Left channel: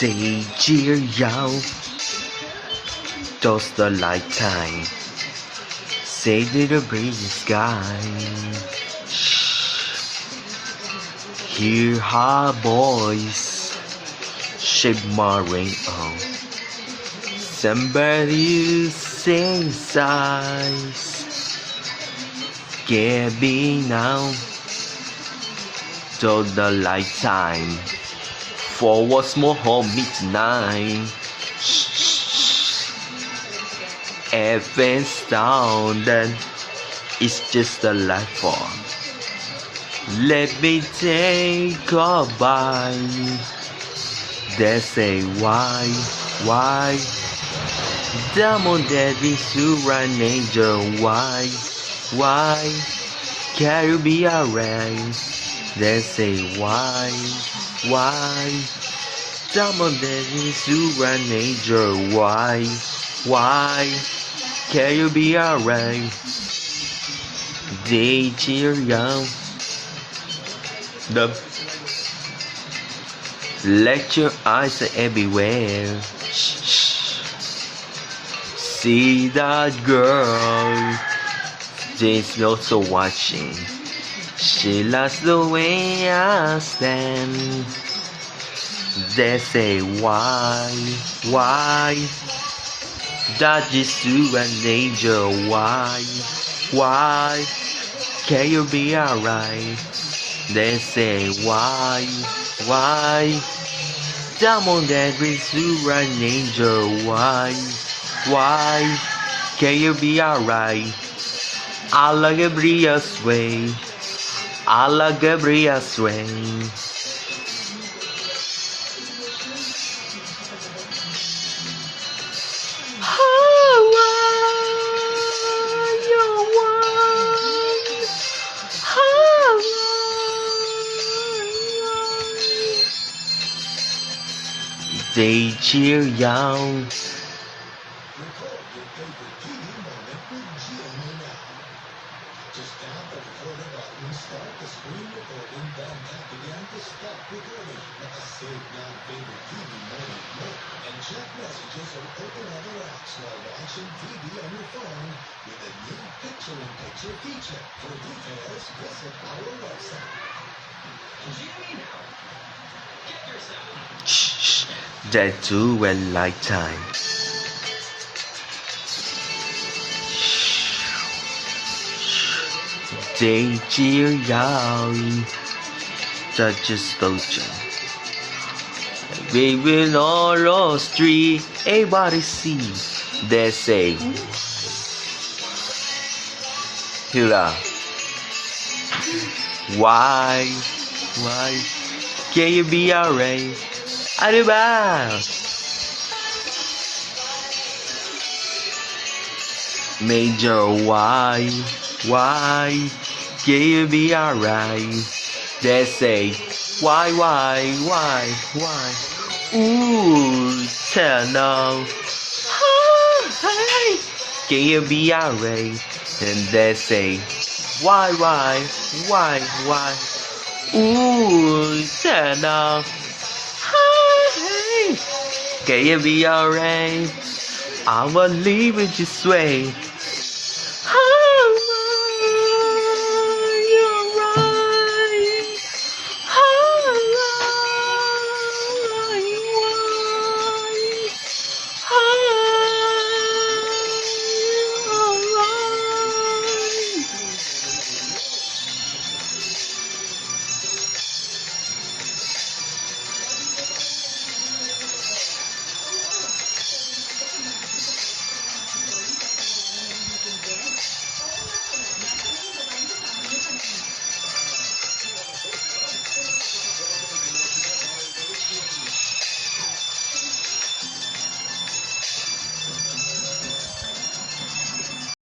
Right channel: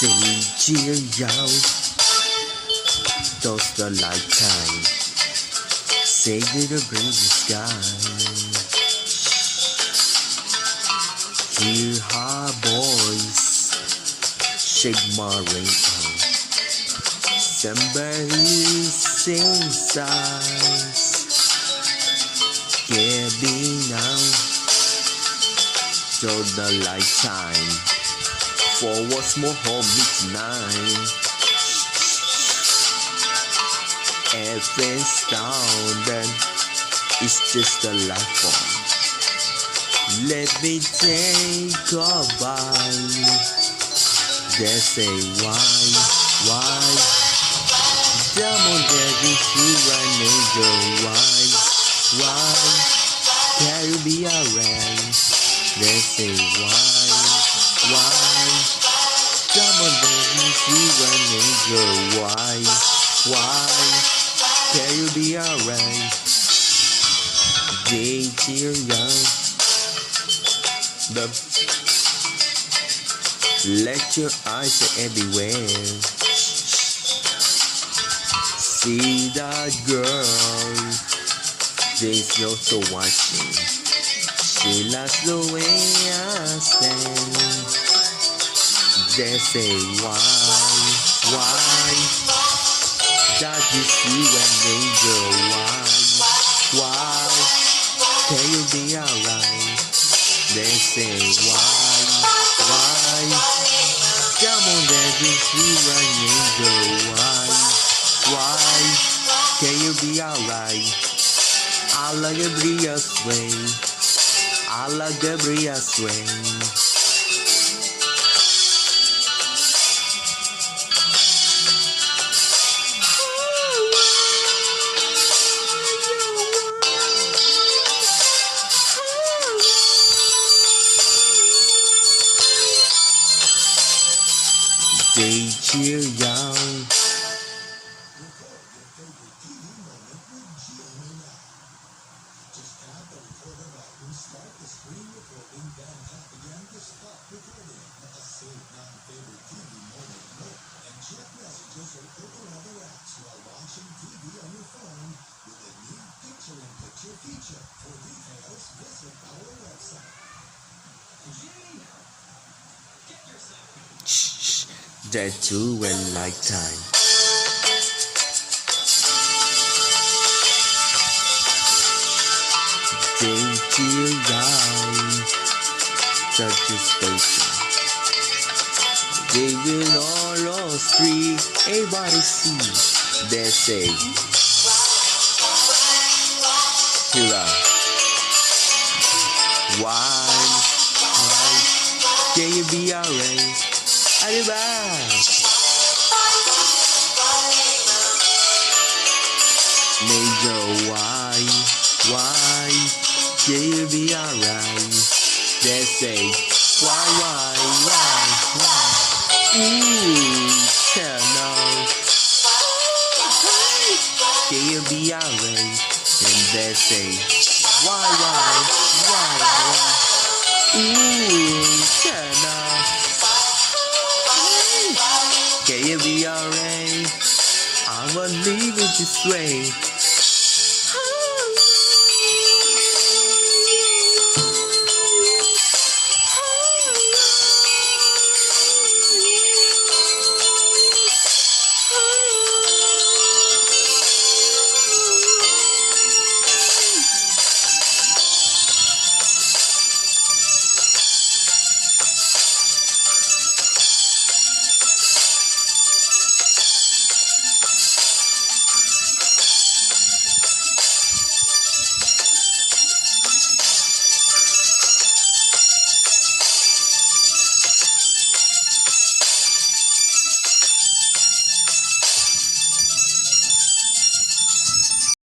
Dear Yao, toss the lifetime, save the breezy sky. Hear her voice, shape my rainbow. Somebody sings eyes, get me now, till the lifetime. For what's more home midnight. Everything's down, then it's just a life form. Let me take a bite. They say why? Diamond daddy to an angel, why? Can you be alright? They say why? Diamond daddy to an angel, why? Can you be alright? Dear young, let your eyes everywhere. See that girl, she's also watching. She loves the way I stand. They say why? That is you an angel, why? Can you be alright? They say why? Diamond that is you an angel, why? Can you be alright? I like Gabriel's way, I like Gabriel's way. They cheer young. Shh, that's too a lifetime. They cheer young, such a sculpture. We will all the street, everybody see. They say, Hila, why? Can you be alright? Arriba! Major, why? Can you be alright? They say, why? Ooh, turn on. Can you be alright? And they say, why? Ooh, turn off. Can you be alright? I will leave it this way.